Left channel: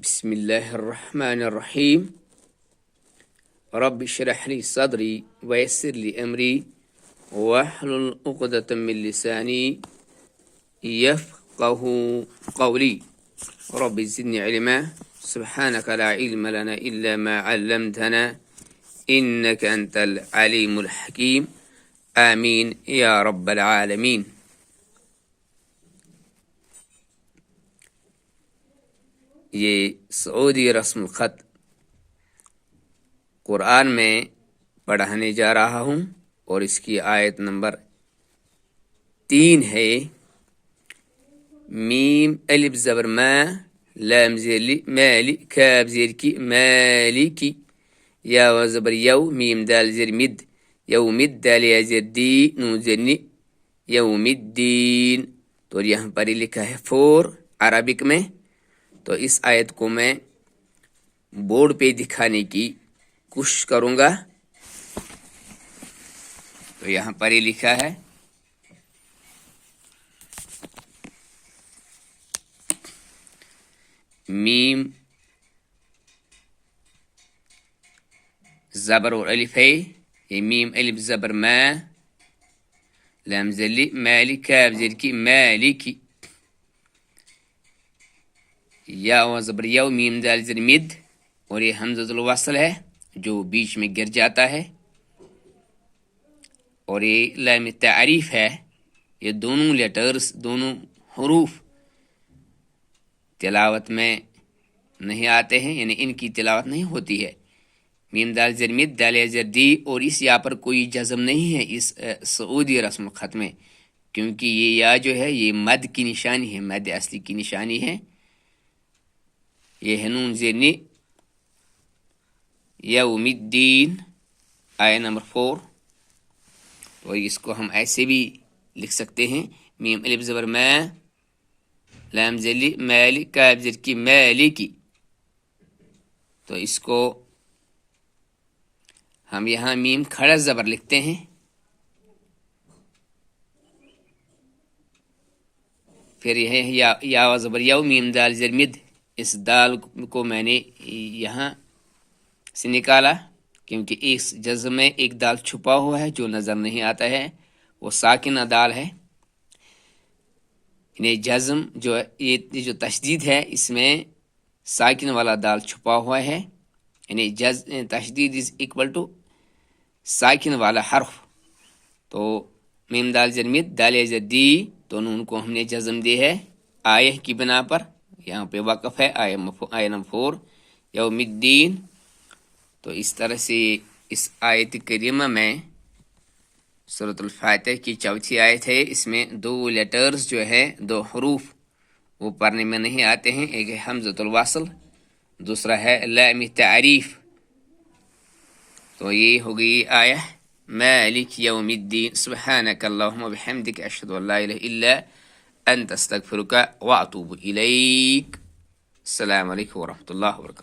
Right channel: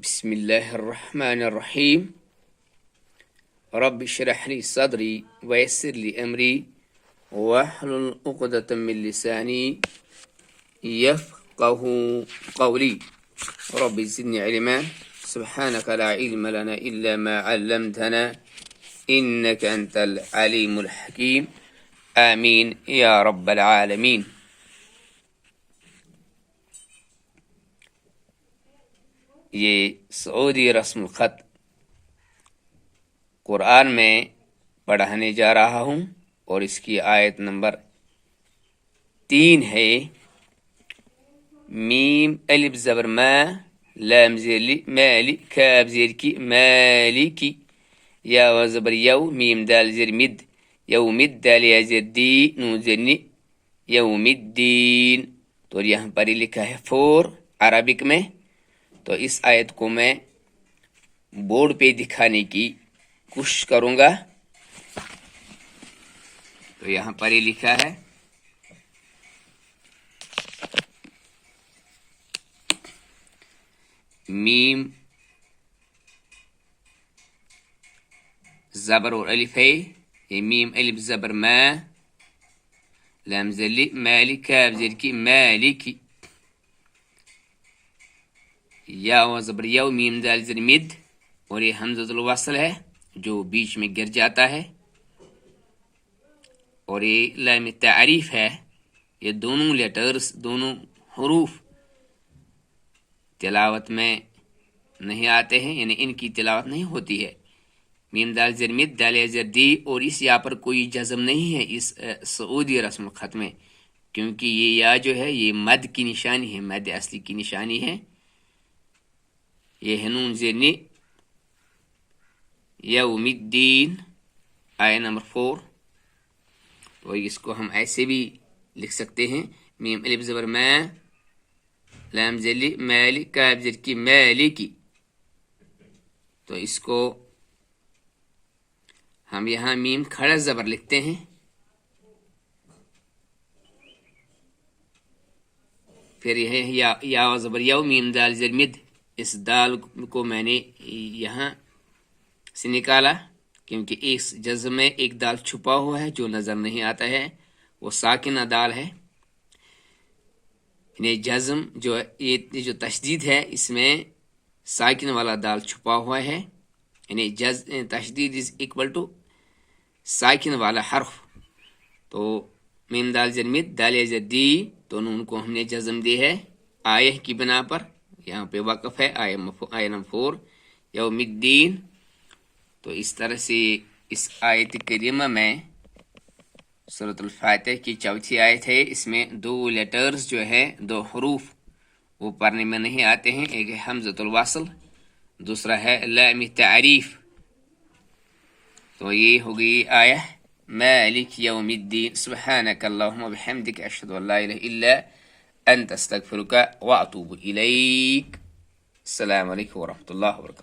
بسم الله الرحمن الرحيم. رب اشرح لي صدري ويسر لي أمري واحلل عقدة من لساني يفقه قولي. رب زدني علما سبحانك لا علم لنا إلا ما علمتنا إنك أنت العليم الحكيم. آمين يا رب العالمين. یہ سعودی رسم الخط قرآن میں پڑھانے جا رہا ہوں اور اس کی آیت نمبر 3 ہے. میم الف زبر ما لام زیر مالی کاف زیر کی مالکی یا و زبر یو میم دال زیر مد یوم الدال یا زیر دی نون زیر نی یوم الدین. تو یہاں پر لکھا ہے 4 عربک میں. تو اس آیت کو میں بورڈ پہ دکھانے کی کوشش کروں گا. تو یہاں پر یہ لکھا ہے میم زبر اور الف ہے. یہ میم الف زبر ما لام زلی مالی کاف زیر کی مالکی یا و زبر یو میم دال زیر مد اور یہ حمزۃ الوصل ہے جو بیچ میں گر جاتا ہے اور یہ لام تعریف ہے. یہ دونوں لیٹرز دونوں حروف تلاوت میں نہیں آتے ہیں، یعنی ان کی تلاوت نہیں ہوتی ہے. میم دال زیر مد دال زیر دی اور اس یا پر کوئی جزم نہیں ہے اس سعودی رسم الخط میں، کیونکہ یہ یا جو ہے یہ مد کی نشانی ہے، مد اصلی کی نشانی ہے. یہ ہے نون زیر نی یوم الدین آیہ نمبر 4. تو اس کو ہم ایسے بھی لکھ سکتے ہیں میم الف زبر ما لام زلی مالی کاف زیر کی مالکی. تو اس کو ہم یہاں میم کھڑا زبر لکھتے ہیں، پھر یہ ہے یا و زبر یو میم دال زیر مد. اس دال کو میں نے یہاں سے نکالا کیونکہ اس جزم میں ایک دال چھپا ہوا ہے جو نظر نہیں آتا ہے، وہ ساکنہ دال ہے. یعنی جزم یہ جو تشدید ہے اس میں ساکن والا دال چھپا ہوا ہے، یعنی تشدید از اکول ٹو ساکن والا حرف. تو میم دال زیر مد دال زیر دی دونوں کو ہم نے جزم دی ہے آیہ کی بنا پر. یہاں پہ وقف ہے آیہ نمبر 4 یوم الدین. تو اس طرح سے اس آیت کریمہ میں سورۃ الفاتحہ کی 4تھی آیت ہے، اس میں 2 لیٹرز جو ہے 2 حروف وہ پڑھنے میں نہیں آتے ہیں. ایک ہے حمزۃ الوصل، دوسرا ہے لام تعریف. تو یہ ہو گئی آیہ مالک یوم الدین. سبحانک اللہم وبحمدک اشہد ان لا الہ الا انت استغفرک واتوب الیک. السلام علیکم ورحمۃ اللہ وبرکاتہ.